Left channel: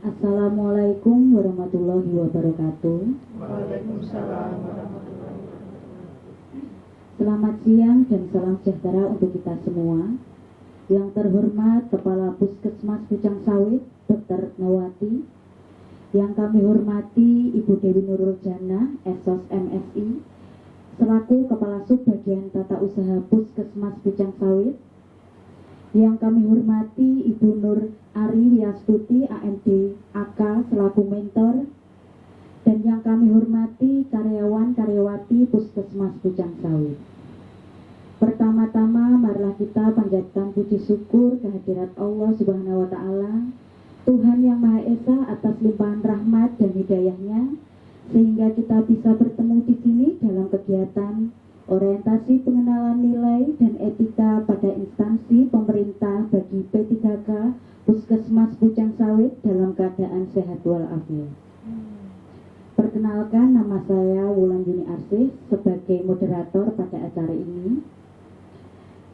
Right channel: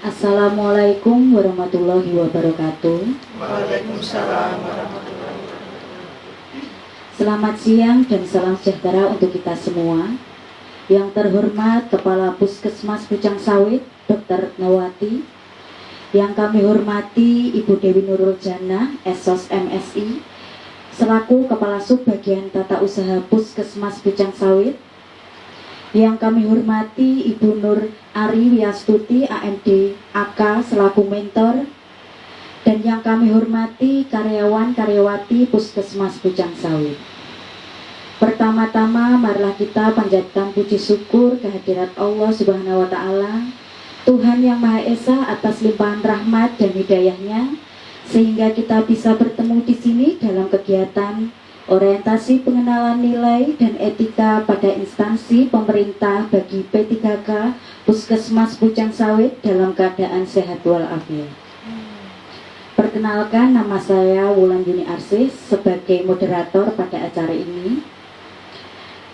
Assalamualaikum warahmatullahi wabarakatuh. Waalaikumsalam warahmatullahi wabarakatuh. Selamat siang dan salam sejahtera untuk kita semua. Yang terhormat Kepala Puskesmas Pucang Sawit, Dr. Nawati. Yang kami hormati Ibu Dewi Nurul Jannah, SOS MSI, selaku Kepala Subbagian Tata Usaha Puskesmas Pucang Sawit. Yang kami hormati Ibu Nur Ari Wiastuti, AMD AK, selaku mentor. Dan yang kami hormati karyawan-karyawati Puskesmas Pucang Sawit. Pertama-tama marilah kita panjatkan puji syukur kehadirat Allah Subhanahu wa Ta'ala, Tuhan yang Maha Esa, atas limpahan rahmat dan hidayahnya, sehingga kita bisa bertemu di sini dalam kegiatan orientasi pengenalan nilai dan etika pada instansi pemerintah bagi P3K Puskesmas Pucang Sawit dalam keadaan sehat walafiat. Perkenalkan, nama saya Wulan Yuni Arsis sebagai moderator pada acara ini.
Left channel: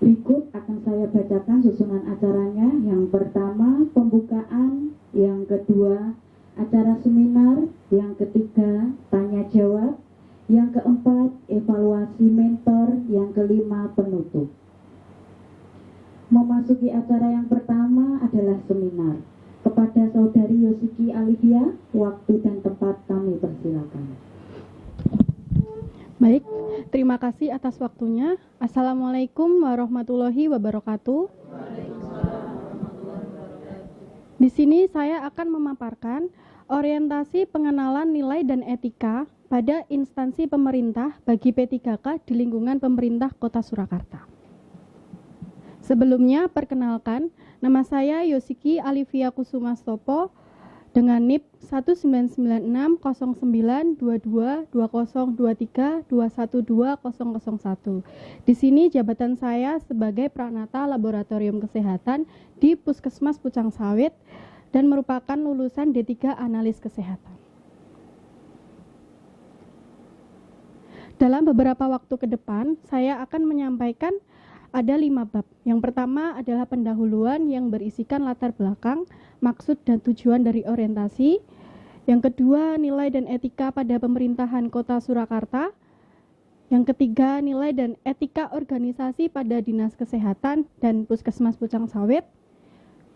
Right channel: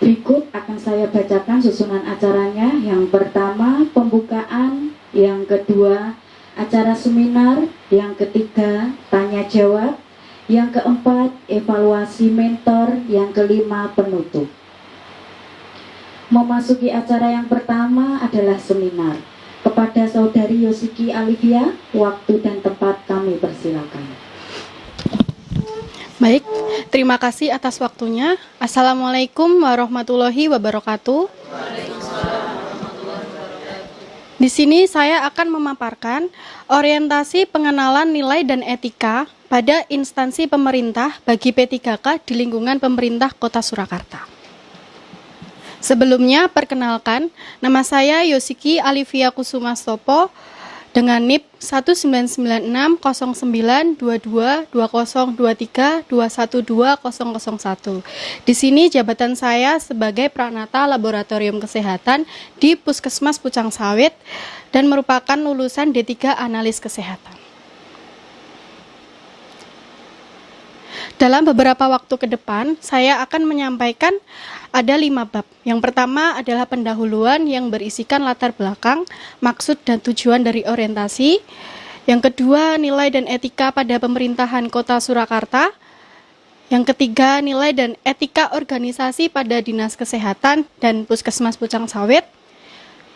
Berikut akan saya bacakan susunan acaranya. Yang pertama, pembukaan. Yang kedua, acara seminar. Yang ketiga, tanya jawab. Yang keempat, evaluasi mentor. Yang kelima, penutup. Memasuki acara yang pertama adalah seminar. Kepada Saudari Yosiki Alivia, waktu dan tempat kami persilakan. Baik, terima kasih atas waktunya. Assalamualaikum warahmatullahi wabarakatuh. Di sini saya akan memaparkan orientasi pengenalan nilai dan etika pada instansi pemerintah bagi P3K di lingkungan pemerintah Kota Surakarta. Sebelumnya, perkenalkan, nama saya Yosiki Alivia Kusumastopo dengan NIP 199609222023212001. Di sini jabatan saya sebagai Pranata Laboratorium Kesehatan di Puskesmas Pucang Sawit dan merupakan lulusan D3 Analis Kesehatan. Dalam beberapa waktu ke depan, saya akan menyampaikan ada 5 bab. Yang pertama adalah pendahuluan yang berisikan latar belakang, maksud dan tujuan dari orientasi. Yang kedua, nilai dan etika pada pemerintahan Kota Surakarta. Yang ketiga, nilai dan etika organisasi pada Dinas Kesehatan dan Puskesmas Pucang Sawit.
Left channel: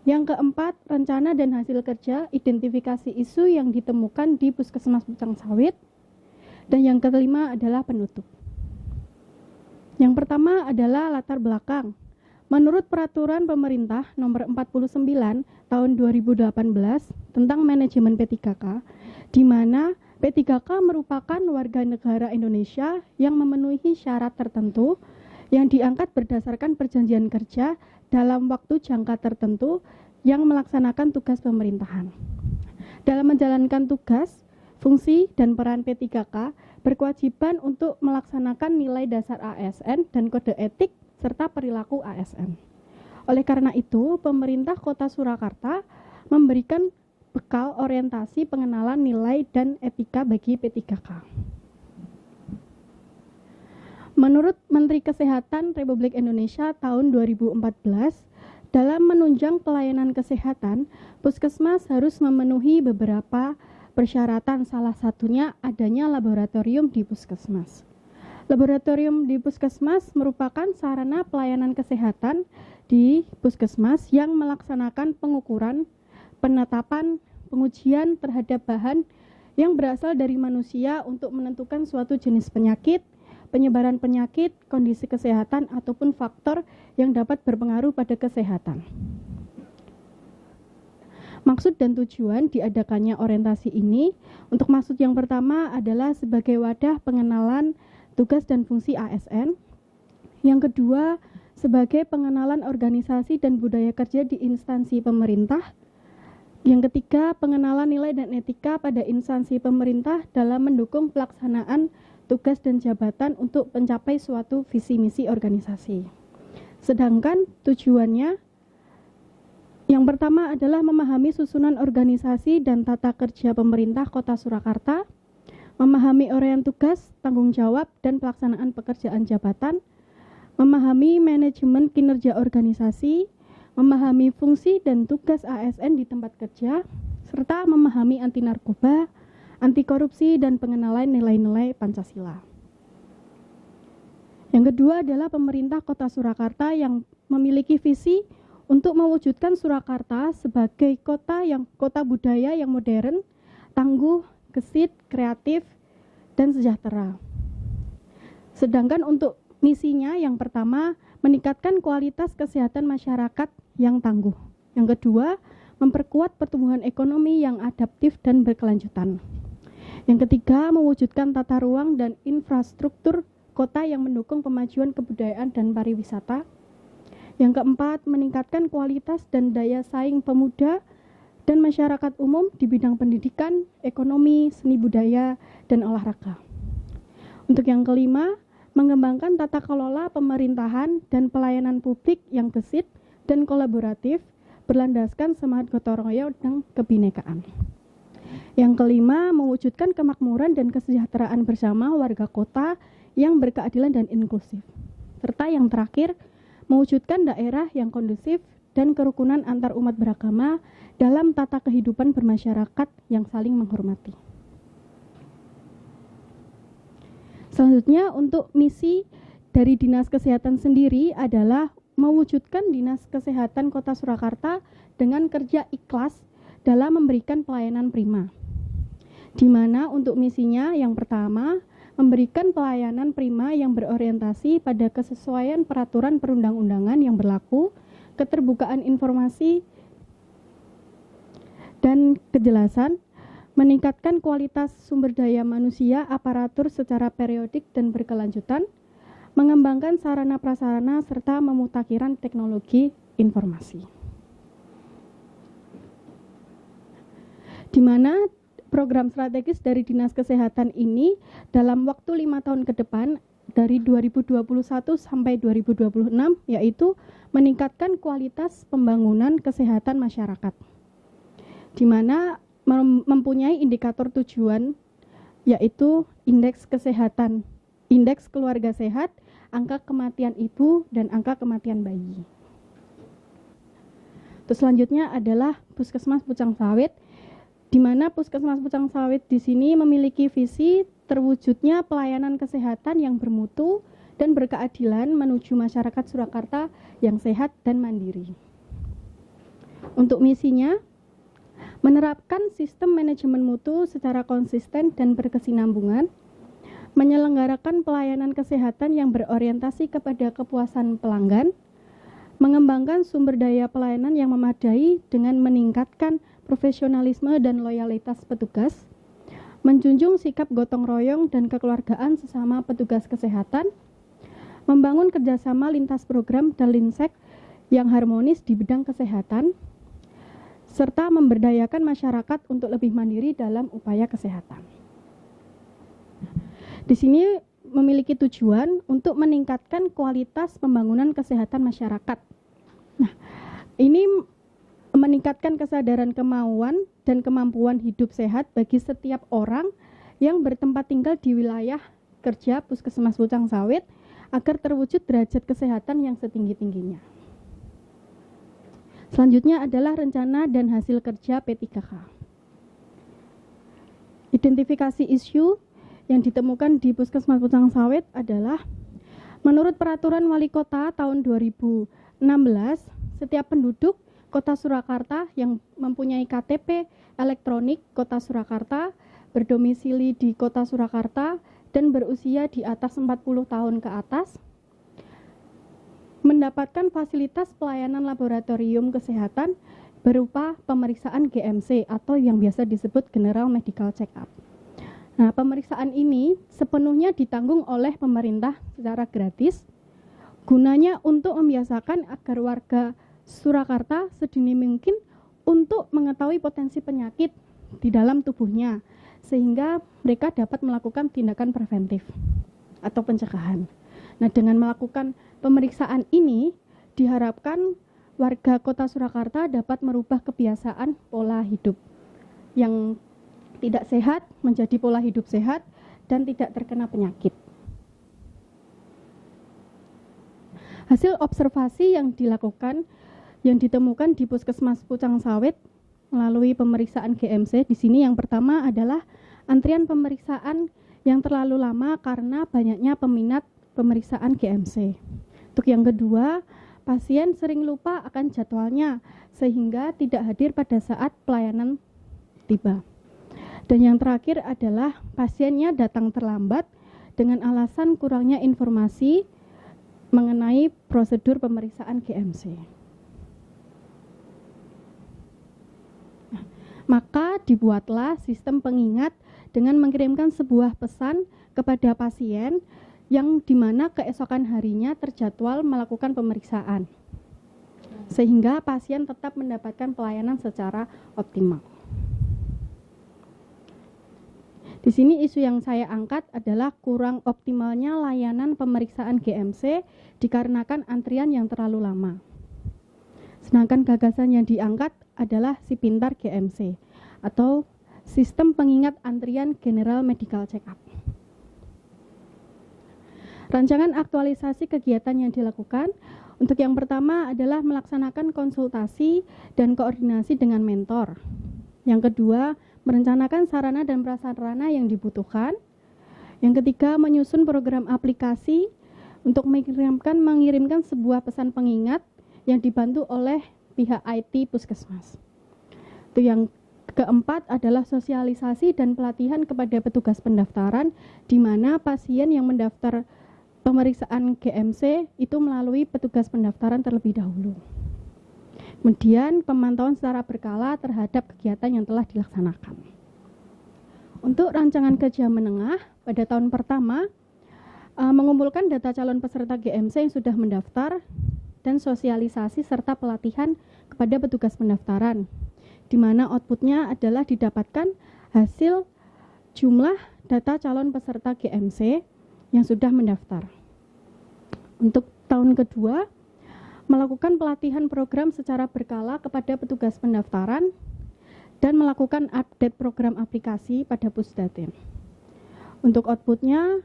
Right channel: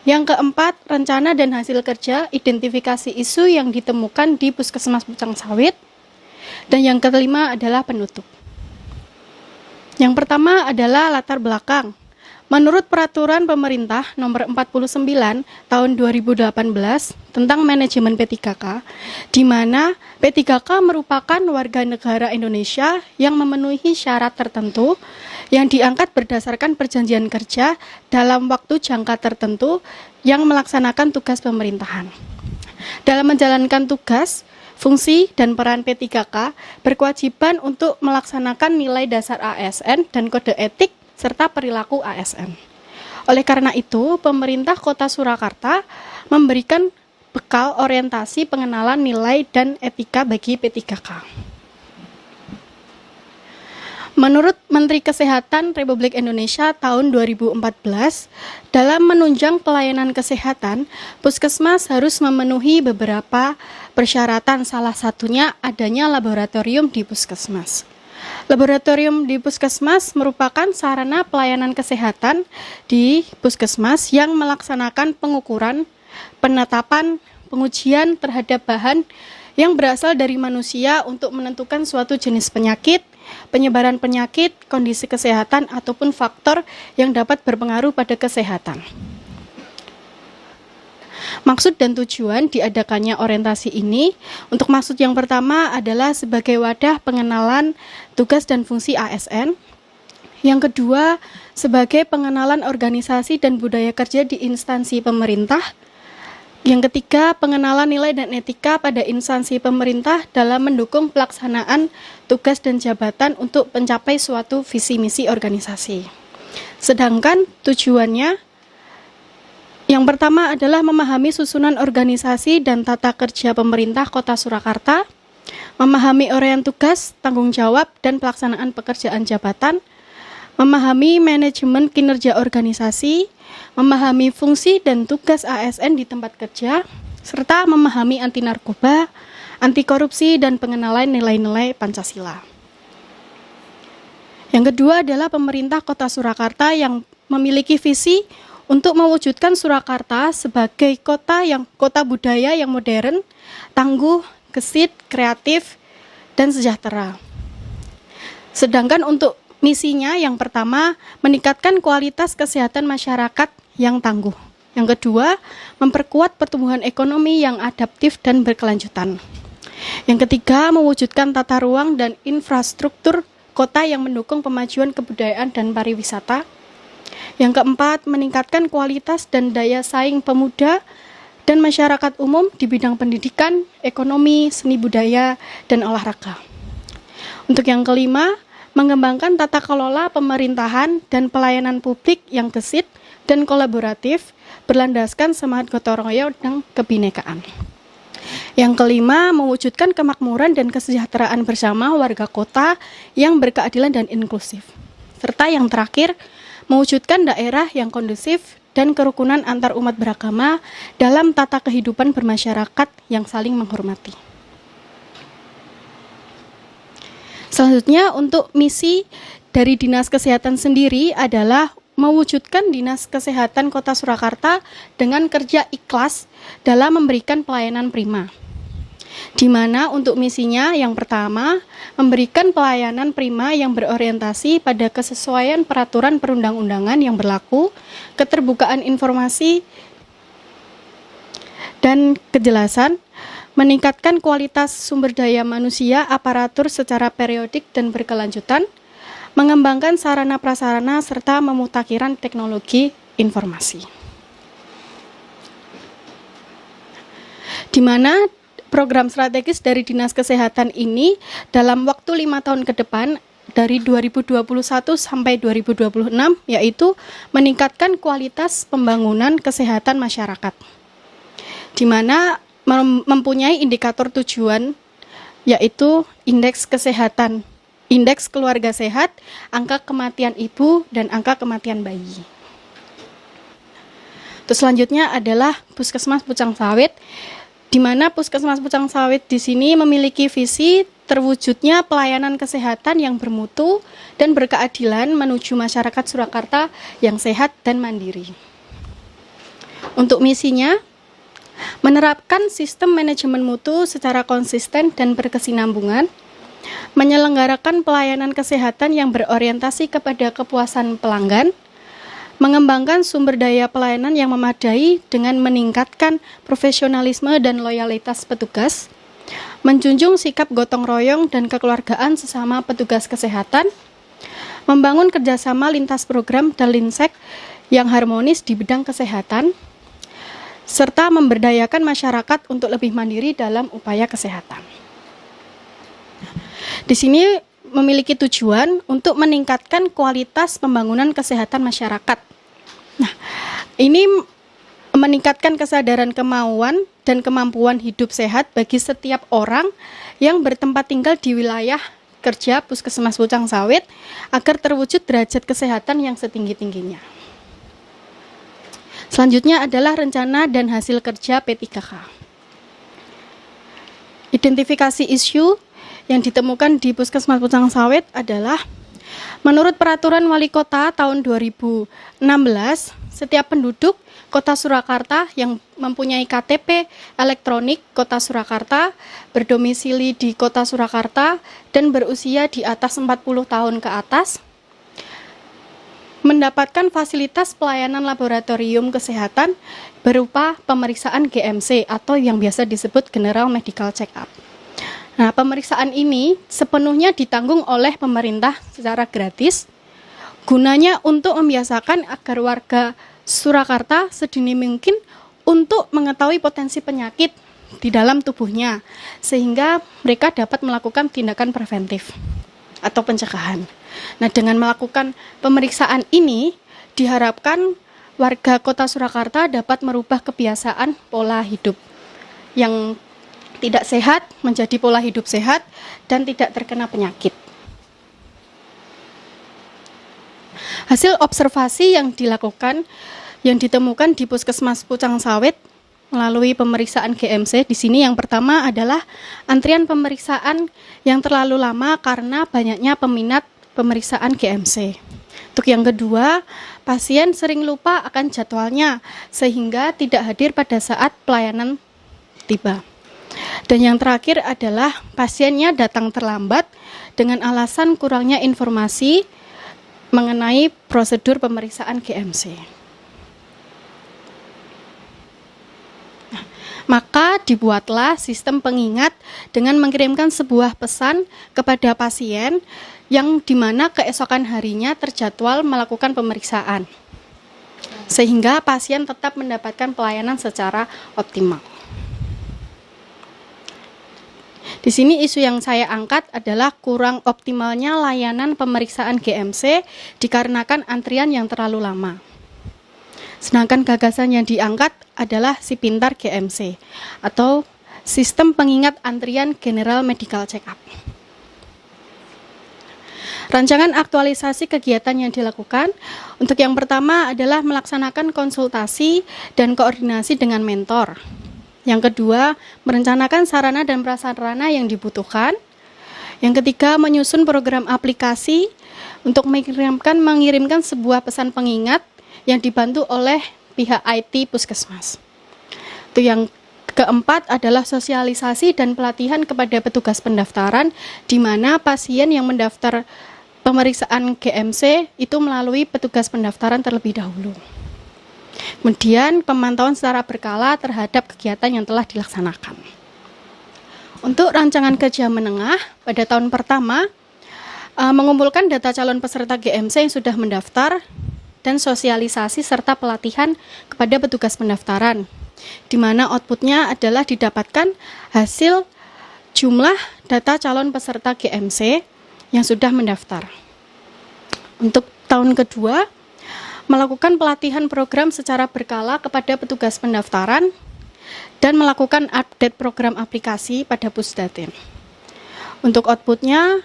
Yang keempat, rencana dan hasil kerja, identifikasi isu yang ditemukan di Puskesmas Pucang Sawit. Dan yang kelima adalah penutup. Yang pertama adalah latar belakang. Menurut Peraturan Pemerintah Nomor 49 Tahun 2018 tentang manajemen P3K, di mana P3K merupakan warga negara Indonesia yang memenuhi syarat tertentu yang diangkat berdasarkan perjanjian kerja dalam waktu jangka tertentu yang melaksanakan tugas pemerintahan. Dalam menjalankan tugas, fungsi dan peran P3K berkewajiban untuk melaksanakan nilai dasar ASN dan kode etik serta perilaku ASN. Oleh karena itu, pemerintah Kota Surakarta memberikan bekal orientasi pengenalan nilai dan etika bagi P3K. Menurut Menteri Kesehatan Republik Indonesia tahun 2014, dalam menunjang pelayanan kesehatan, puskesmas harus memenuhi beberapa persyaratan, salah satunya adanya laboratorium di puskesmas. Laboratorium di puskesmas merupakan sarana pelayanan kesehatan di puskesmas yang melaksanakan pengukuran, penetapan, pengujian terhadap bahan yang berasal dari manusia untuk menentukan suatu jenis penyakit, penyebaran penyakit, kondisi kesehatan, ataupun faktor yang dapat berpengaruh pada kesehatan. Maksud dan tujuan diadakannya orientasi ini, untuk maksud yang pertama adalah sebagai wadah pengenalan tugas dan fungsi ASN. Yang kedua, sebagai pengenalan organisasi dan budaya kerja di instansi pemerintah. Yang ketiga, pengenalan nilai dan etika pada instansi pemerintah dalam mendukung pelaksanaan tugas dan jabatan untuk mencapai suatu visi misi organisasi. Sedangkan tujuannya, yang pertama adalah memahami susunan organisasi dan tata kerja pemerintah Kota Surakarta, memahami uraian tugas, tanggung jawab, dan pelaksanaan pekerjaan jabatan, memahami manajemen kinerja organisasi, memahami fungsi dan tugas ASN di tempat kerja, serta memahami anti narkoba, anti korupsi, dan pengenalan nilai-nilai Pancasila. Yang kedua adalah pemerintah Kota Surakarta yang memiliki visi untuk mewujudkan Surakarta sebagai kota budaya yang modern, tangguh, gesit, kreatif, dan sejahtera. Sedangkan untuk misinya yang pertama, meningkatkan kualitas kesehatan masyarakat yang tangguh. Yang kedua, memperkuat pertumbuhan ekonomi yang adaptif dan berkelanjutan. Yang ketiga, mewujudkan tata ruang dan infrastruktur kota yang mendukung pemajuan kebudayaan dan pariwisata. Yang keempat, meningkatkan kualitas dan daya saing pemuda dan masyarakat umum di bidang pendidikan, ekonomi, seni budaya, dan olahraga. Untuk yang kelima, mengembangkan tata kelola pemerintahan dan pelayanan publik yang gesit dan kolaboratif, berlandaskan semangat gotong royong dan kebinekaan. Yang kelima, mewujudkan kemakmuran dan kesejahteraan bersama warga kota yang berkeadilan dan inklusif. Serta yang terakhir, mewujudkan daerah yang kondusif dan kerukunan antar umat beragama dalam tata kehidupan bermasyarakat yang saling menghormati. Selanjutnya, untuk misi dari Dinas Kesehatan sendiri adalah mewujudkan Dinas Kesehatan Kota Surakarta dengan kerja ikhlas dalam memberikan pelayanan prima. Di mana untuk misinya yang pertama, memberikan pelayanan prima yang berorientasi pada kesesuaian peraturan perundang-undangan yang berlaku, keterbukaan informasi dan kejelasan, meningkatkan kualitas sumber daya manusia aparatur secara periodik dan berkelanjutan, mengembangkan sarana prasarana serta memutakhiran teknologi informasi. Di mana program strategis dari Dinas Kesehatan ini dalam waktu 5 tahun ke depan dari 2021 sampai 2026 yaitu meningkatkan kualitas pembangunan kesehatan masyarakat. Di mana mempunyai indikator tujuan yaitu indeks kesehatan, indeks keluarga sehat, angka kematian ibu, dan angka kematian bayi. Terus selanjutnya adalah Puskesmas Pucang Sawit, di mana Puskesmas Pucang Sawit di sini memiliki visi terwujudnya pelayanan kesehatan yang bermutu dan berkeadilan menuju masyarakat Surakarta yang sehat dan mandiri. Untuk misinya, menerapkan sistem manajemen mutu secara konsisten dan berkesinambungan, menyelenggarakan pelayanan kesehatan yang berorientasi kepada kepuasan pelanggan, mengembangkan sumber daya pelayanan yang memadai dengan meningkatkan profesionalisme dan loyalitas petugas, menjunjung sikap gotong royong dan kekeluargaan sesama petugas kesehatan, membangun kerjasama lintas program dan linsek yang harmonis di bidang kesehatan, serta memberdayakan masyarakat untuk lebih mandiri dalam upaya kesehatan. Di sini memiliki tujuan untuk meningkatkan kualitas pembangunan kesehatan masyarakat. Nah, ini meningkatkan kesadaran kemauan dan kemampuan hidup sehat bagi setiap orang yang bertempat tinggal di wilayah kerja Puskesmas Pucang Sawit agar terwujud derajat kesehatan yang setinggi-tingginya. Selanjutnya adalah rencana dan hasil kerja P3K. Identifikasi isu yang ditemukan di Puskesmas Pucang Sawit adalah menurut Peraturan Wali Kota tahun 2016, setiap penduduk Kota Surakarta yang mempunyai KTP elektronik Kota Surakarta, berdomisili di Kota Surakarta, dan berusia di atas 40 tahun ke atas, mendapatkan fasilitas pelayanan laboratorium kesehatan berupa pemeriksaan GMC atau yang biasa disebut General Medical Check-up. Nah, pemeriksaan ini sepenuhnya ditanggung oleh pemerintah secara gratis, gunanya untuk membiasakan agar warga Surakarta sedini mungkin untuk mengetahui potensi penyakit di dalam tubuhnya, sehingga mereka dapat melakukan tindakan preventif atau pencegahan. Nah, dengan melakukan pemeriksaan ini, diharapkan warga Kota Surakarta dapat merubah kebiasaan pola hidup yang tidak sehat menjadi pola hidup sehat dan tidak terkena penyakit. Hasil observasi yang dilakukan, yang ditemukan di Puskesmas Pucang Sawit melalui pemeriksaan GMC. Di sini yang pertama adalah antrian pemeriksaan yang terlalu lama karena banyaknya peminat pemeriksaan GMC. Untuk yang kedua, pasien sering lupa akan jadwalnya sehingga tidak hadir pada saat pelayanan tiba. Dan yang terakhir adalah pasiennya datang terlambat dengan alasan kurangnya informasi mengenai prosedur pemeriksaan GMC. Maka dibuatlah sistem pengingat dengan mengirimkan sebuah pesan kepada pasien yang dimana keesokan harinya terjadwal melakukan pemeriksaan, sehingga pasien tetap mendapatkan pelayanan secara optimal. Di sini isu yang saya angkat adalah kurang optimalnya layanan pemeriksaan GMC dikarenakan antrian yang terlalu lama. Sedangkan gagasan yang diangkat adalah si pintar GMC atau sistem pengingat antrian General Medical Check-up. Rancangan aktualisasi kegiatan yang dilakukan untuk yang pertama adalah melaksanakan konsultasi dan koordinasi dengan mentor. Yang kedua, merencanakan sarana dan prasarana yang dibutuhkan. Yang ketiga, menyusun program aplikasi untuk mengirimkan sebuah pesan pengingat yang dibantu oleh pihak IT Puskesmas. Itu yang keempat adalah sosialisasi dan pelatihan kepada petugas pendaftaran, di mana pasien yang mendaftar pemeriksaan GMC itu melalui petugas pendaftaran terlebih dahulu. Kemudian pemantauan secara berkala terhadap kegiatan yang telah dilaksanakan. Untuk rancangan kerja menengah pada tahun pertama, mengumpulkan data calon peserta GMC yang sudah mendaftar dan sosialisasi serta pelatihan kepada petugas pendaftaran, di mana outputnya adalah didapatkan hasil jumlah data calon peserta GMC yang sudah mendaftar. Untuk tahun kedua, melakukan pelatihan program secara berkala kepada petugas pendaftaran dan melakukan update program aplikasi pada Pusdatin. Untuk outputnya,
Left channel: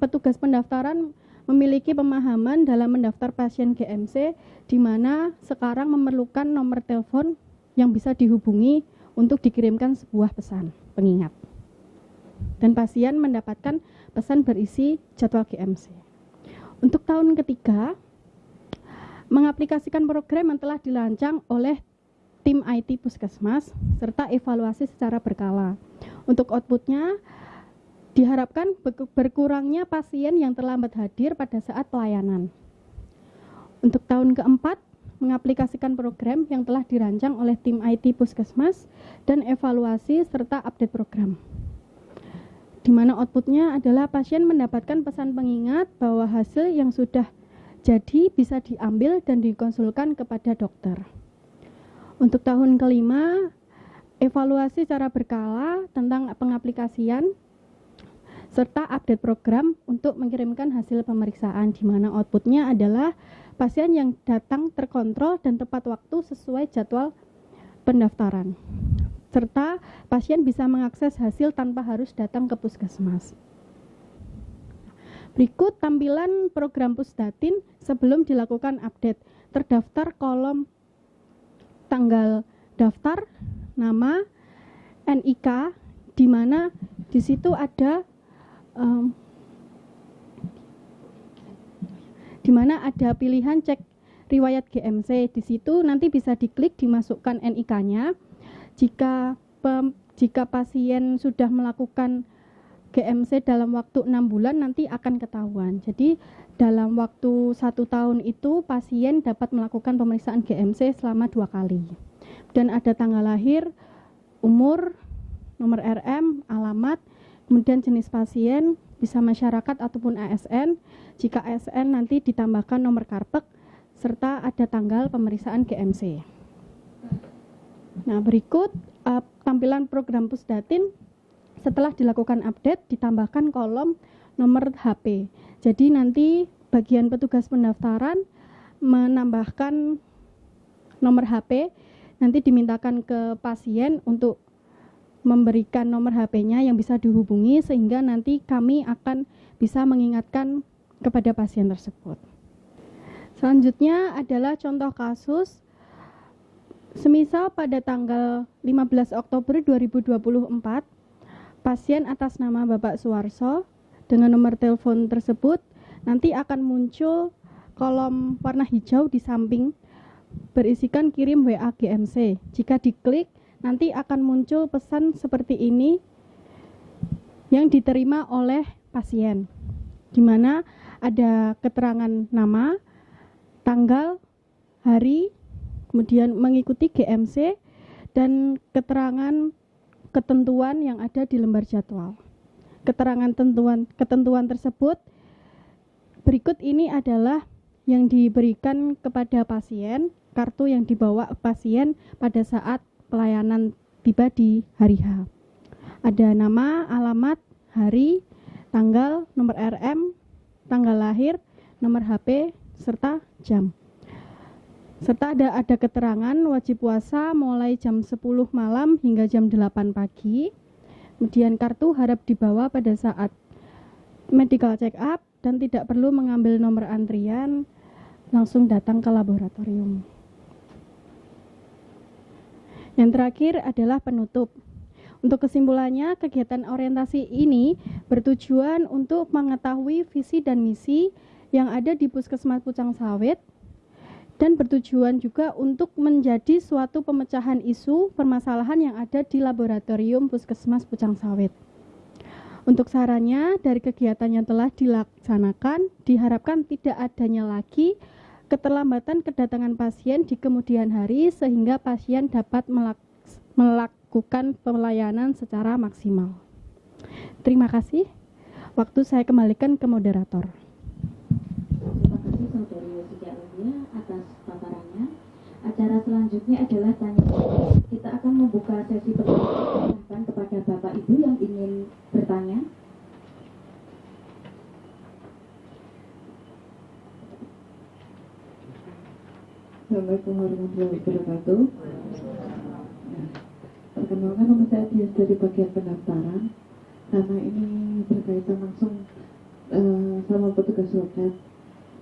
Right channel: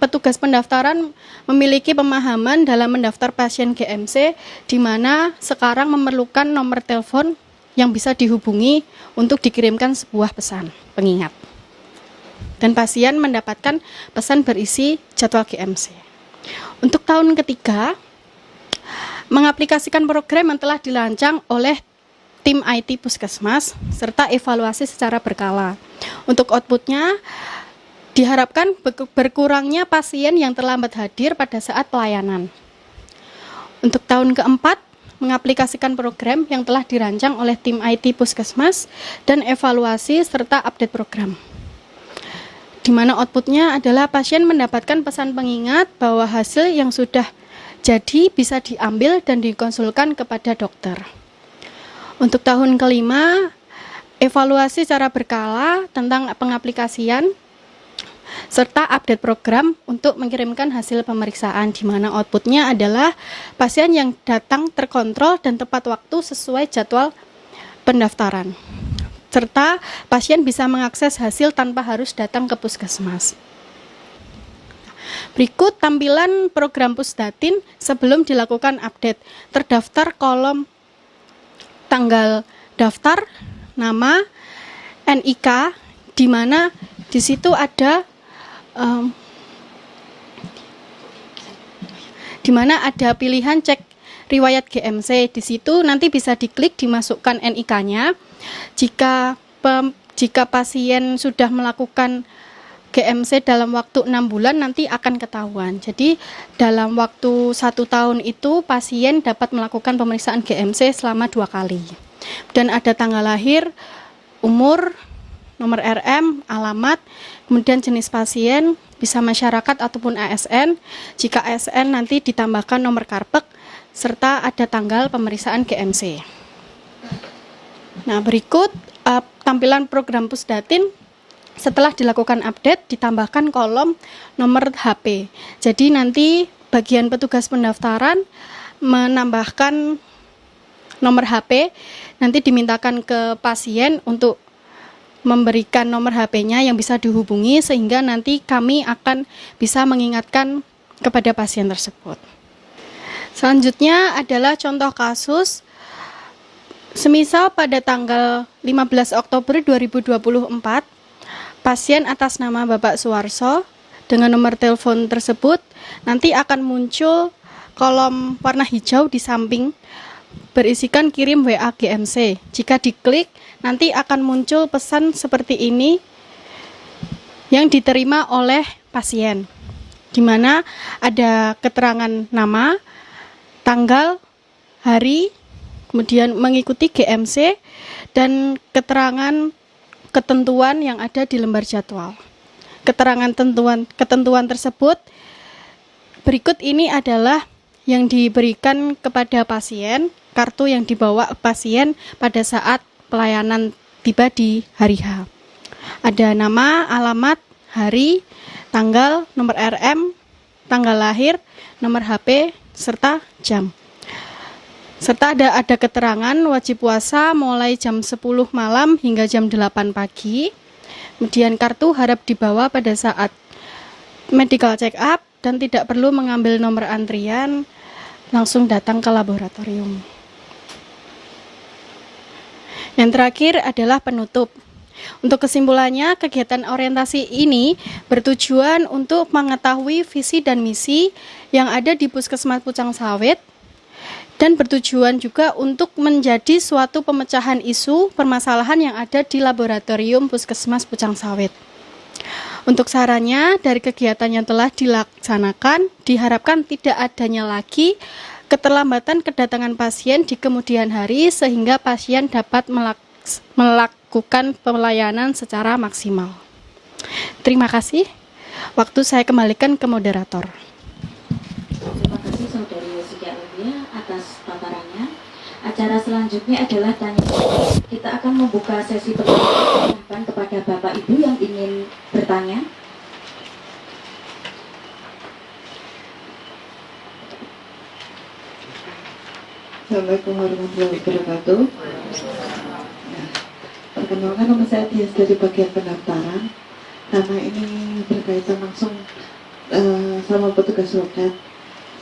petugas pendaftaran memiliki pemahaman dalam mendaftar pasien GMC, di mana sekarang memerlukan nomor telepon yang bisa dihubungi untuk dikirimkan sebuah pesan pengingat. Dan pasien mendapatkan pesan berisi jadwal GMC. Untuk tahun ketiga, mengaplikasikan program yang telah dirancang oleh tim IT Puskesmas serta evaluasi secara berkala. Untuk outputnya, diharapkan berkurangnya pasien yang terlambat hadir pada saat pelayanan. Untuk tahun keempat, mengaplikasikan program yang telah dirancang oleh tim IT Puskesmas dan evaluasi serta update program, di mana outputnya adalah pasien mendapatkan pesan pengingat bahwa hasil yang sudah jadi bisa diambil dan dikonsulkan kepada dokter. Untuk tahun kelima, evaluasi secara berkala tentang pengaplikasian serta update program untuk mengirimkan hasil pemeriksaan, di mana outputnya adalah pasien yang datang terkontrol dan tepat waktu sesuai jadwal pendaftaran, serta pasien bisa mengakses hasil tanpa harus datang ke puskesmas. Berikut tampilan program Pusdatin sebelum dilakukan update. Terdaftar kolom tanggal daftar, nama, NIK, di mana di situ ada pilihan cek riwayat GMC. Di situ nanti bisa diklik, dimasukkan NIK-nya. Jika pasien sudah melakukan GMC dalam waktu 6 bulan nanti akan ketahuan. Jadi dalam waktu 1 tahun itu pasien dapat melakukan pemeriksaan GMC selama 2 kali. Dan ada tanggal lahir, umur, nomor RM, alamat, kemudian jenis pasien, bisa masyarakat ataupun ASN. Jika ASN nanti ditambahkan nomor karpet serta ada tanggal pemeriksaan GMC. Nah, berikut tampilan program Pusdatin. Setelah dilakukan update, ditambahkan kolom nomor HP. Jadi nanti bagian petugas pendaftaran menambahkan nomor HP, nanti dimintakan ke pasien untuk memberikan nomor HP-nya yang bisa dihubungi, sehingga nanti kami akan bisa mengingatkan kepada pasien tersebut. Selanjutnya adalah contoh kasus Semisal pada tanggal 15 Oktober 2024, pasien atas nama Bapak Suwarso dengan nomor telepon tersebut nanti akan muncul kolom warna hijau di samping berisikan kirim WA GMC. Jika diklik, nanti akan muncul pesan seperti ini yang diterima oleh pasien, di mana ada keterangan nama, tanggal, hari, kemudian mengikuti GMC, dan keterangan ketentuan yang ada di lembar jadwal. Keterangan ketentuan tersebut berikut ini adalah yang diberikan kepada pasien, kartu yang dibawa pasien pada saat pelayanan tiba di hari H. Ada nama, alamat, hari, tanggal, nomor RM, tanggal lahir, nomor HP, serta jam. Serta ada keterangan wajib puasa mulai jam 10 malam hingga jam 8 pagi. Kemudian kartu harap dibawa pada saat medical check up dan tidak perlu mengambil nomor antrian, langsung datang ke laboratorium. Yang terakhir adalah penutup. Untuk kesimpulannya, kegiatan orientasi ini bertujuan untuk mengetahui visi dan misi yang ada di Puskesmas Pucang Sawit dan bertujuan juga untuk menjadi suatu pemecahan isu permasalahan yang ada di laboratorium Puskesmas Pucang Sawit. Untuk sarannya, dari kegiatan yang telah dilaksanakan, diharapkan tidak adanya lagi keterlambatan kedatangan pasien di kemudian hari sehingga pasien dapat melakukan pelayanan secara maksimal. Terima kasih. Waktu saya kembalikan ke moderator. Terima kasih Saudari Yosika Aulia atas paparannya. Acara selanjutnya adalah tanya jawab. Kita akan membuka sesi pertanyaan kepada Bapak Ibu yang ingin bertanya. Assalamualaikum warahmatullahi wabarakatuh. Nah, perkenalkan nama saya Tias dari bagian pendaftaran. Karena ini berkaitan langsung sama petugas loket.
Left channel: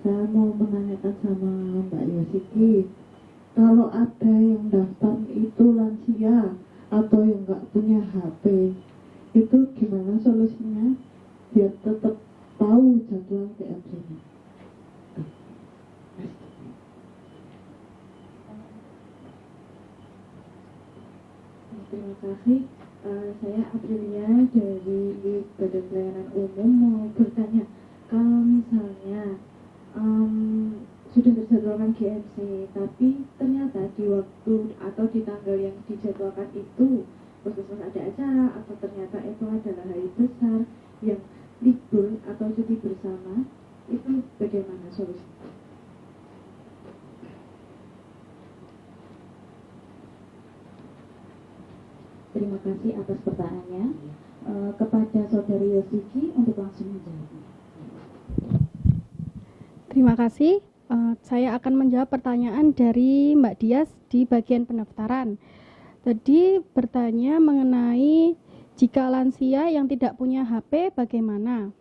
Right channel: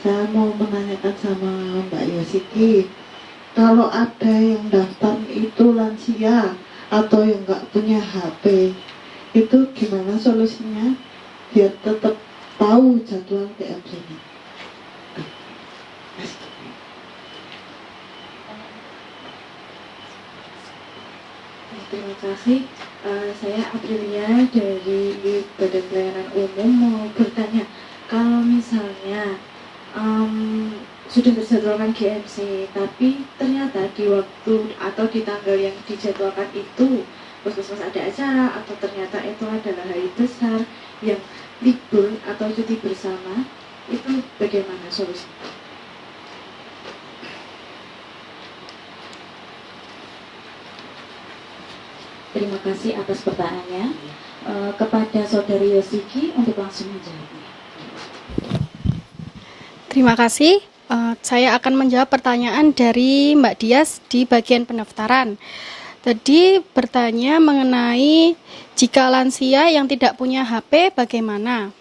Saya mau menanyakan sama Mbak Yosiki, kalau ada yang daftar itu lansia atau yang nggak punya HP, itu gimana solusinya biar tetap tahu jadwal TMC-nya? Terima kasih. Saya Aprilia dari Badan Pelayanan Umum mau bertanya, kalau misalnya sudah terjadwalkan GMC, tapi ternyata di waktu atau di tanggal yang dijadwalkan itu puskesmas ada acara, atau ternyata itu adalah hari besar yang libur atau cuti bersama, itu bagaimana solusinya? Terima kasih atas pertanyaannya. Kepada Saudari Yosiki untuk langsung menjawabnya. Terima kasih. Saya akan menjawab pertanyaan dari Mbak Dias di bagian pendaftaran. Tadi bertanya mengenai jika lansia yang tidak punya HP bagaimana.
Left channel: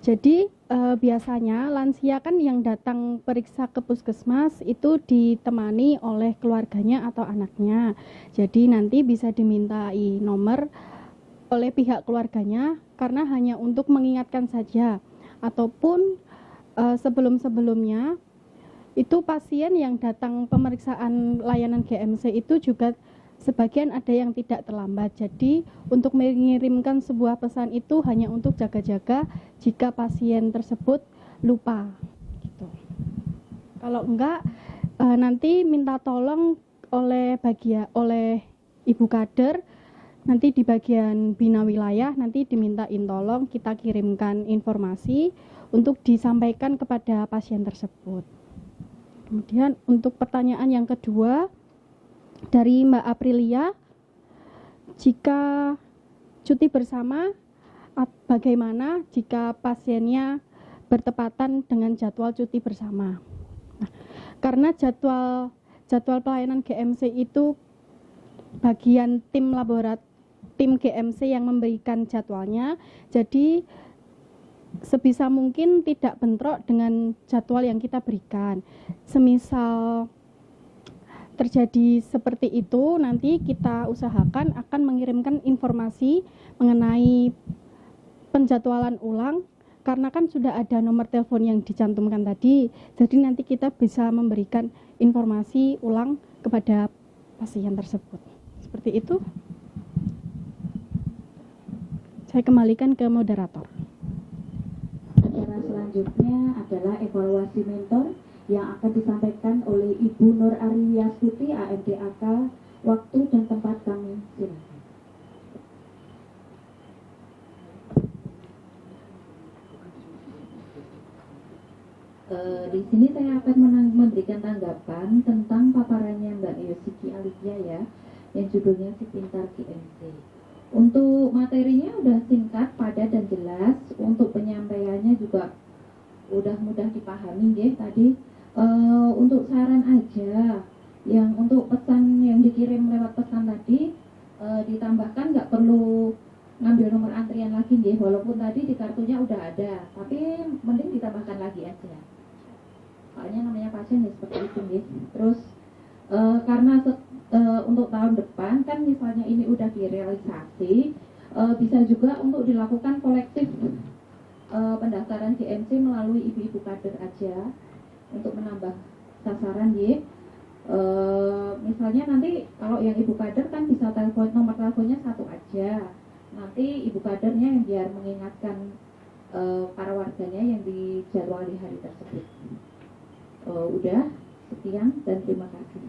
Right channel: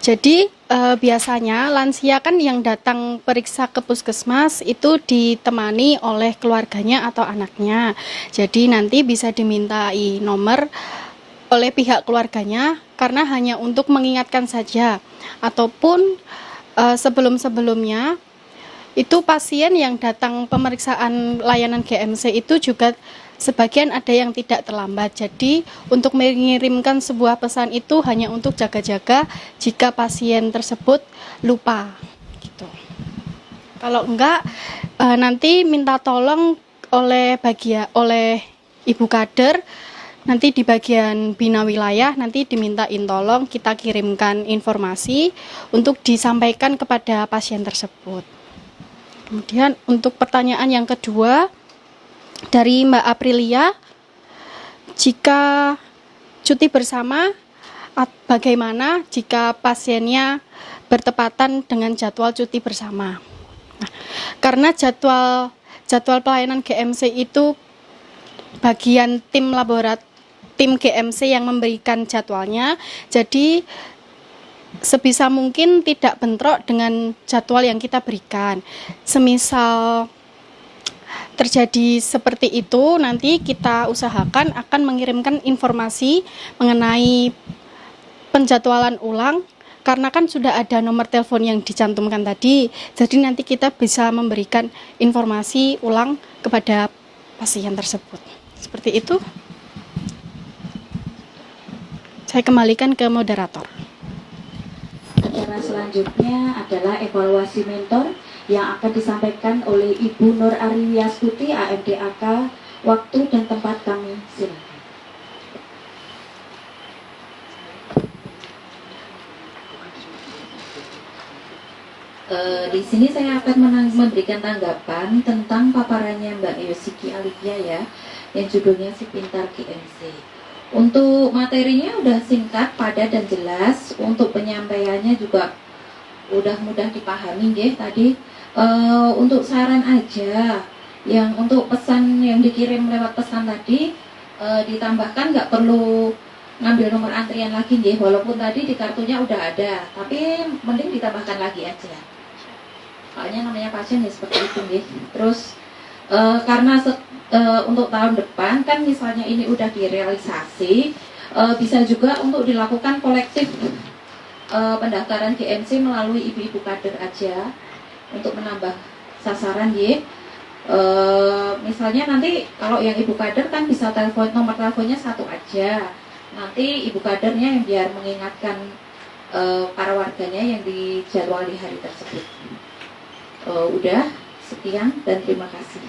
Jadi biasanya lansia kan yang datang periksa ke puskesmas itu ditemani oleh keluarganya atau anaknya. Jadi nanti bisa dimintai nomor oleh pihak keluarganya karena hanya untuk mengingatkan saja. Ataupun sebelum-sebelumnya itu pasien yang datang pemeriksaan layanan GMC itu juga sebagian ada yang tidak terlambat. Jadi untuk mengirimkan sebuah pesan itu hanya untuk jaga-jaga jika pasien tersebut lupa gitu. Kalau enggak nanti minta tolong oleh ibu kader, nanti di bagian bina wilayah nanti dimintain tolong kita kirimkan informasi untuk disampaikan kepada pasien tersebut. Kemudian untuk pertanyaan yang kedua dari Mbak Aprilia, jika cuti bersama bagaimana jika pasiennya bertepatan dengan jadwal cuti bersama? Nah, karena jadwal pelayanan GMC itu bagian tim GMC yang memberikan jadwalnya, jadi sebisa mungkin tidak bentrok dengan jadwal yang kita berikan. Semisal terjadi seperti itu, nanti kita usahakan akan mengirimkan informasi mengenai penjadwalan ulang, karena kan sudah ada nomor telepon yang dicantumkan tadi, jadi nanti kita bisa memberikan informasi ulang kepada pasien tersebut. Seperti itu. Saya kembalikan ke moderator. Acara selanjutnya adalah evaluasi mentor yang akan disampaikan oleh Ibu Nur Ariwiastuti, AMDAK. Waktu dan tempat kami silakan. Di sini saya akan memberikan tanggapan tentang paparannya Mbak Yosiki Alivia ya, yang judulnya Si Pintar GMC. Untuk materinya udah singkat, padat dan jelas. Untuk penyampaiannya juga udah mudah dipahami ya tadi. Untuk saran aja, yang untuk pesan yang dikirim lewat pesan tadi, ditambahkan nggak perlu ngambil nomor antrian lagi ya, walaupun tadi di kartunya udah ada, tapi mending ditambahkan lagi aja. Soalnya namanya pasien ya seperti itu ya. Terus karena untuk tahun depan kan misalnya ini udah direalisasi, bisa juga untuk dilakukan kolektif pendaftaran GMC melalui ibu-ibu kader aja untuk menambah sasaran ya. Misalnya nanti kalau yang ibu kader kan bisa telepon, nomor teleponnya satu aja. Nanti ibu kadernya yang biar mengingatkan para warganya yang dijadwal di hari tersebut. Udah, sekian dan terima kasih.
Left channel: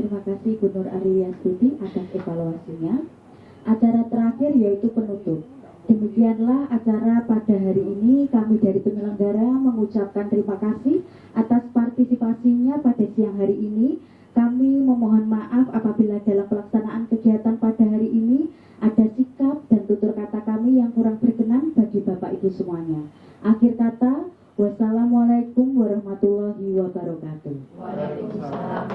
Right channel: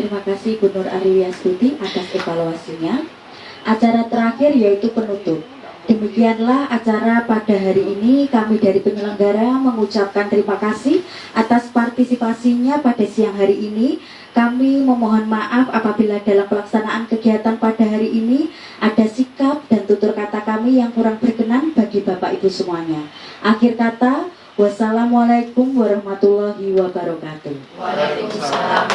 Terima kasih Bu Nur Ariwiastuti atas evaluasinya. Acara terakhir yaitu penutup. Demikianlah acara pada hari ini. Kami dari penyelenggara mengucapkan terima kasih atas partisipasinya pada siang hari ini. Kami memohon maaf apabila dalam pelaksanaan kegiatan pada hari ini ada sikap dan tutur kata kami yang kurang berkenan bagi Bapak Ibu semuanya. Akhir kata, wassalamualaikum warahmatullahi wabarakatuh. Waalaikumsalam.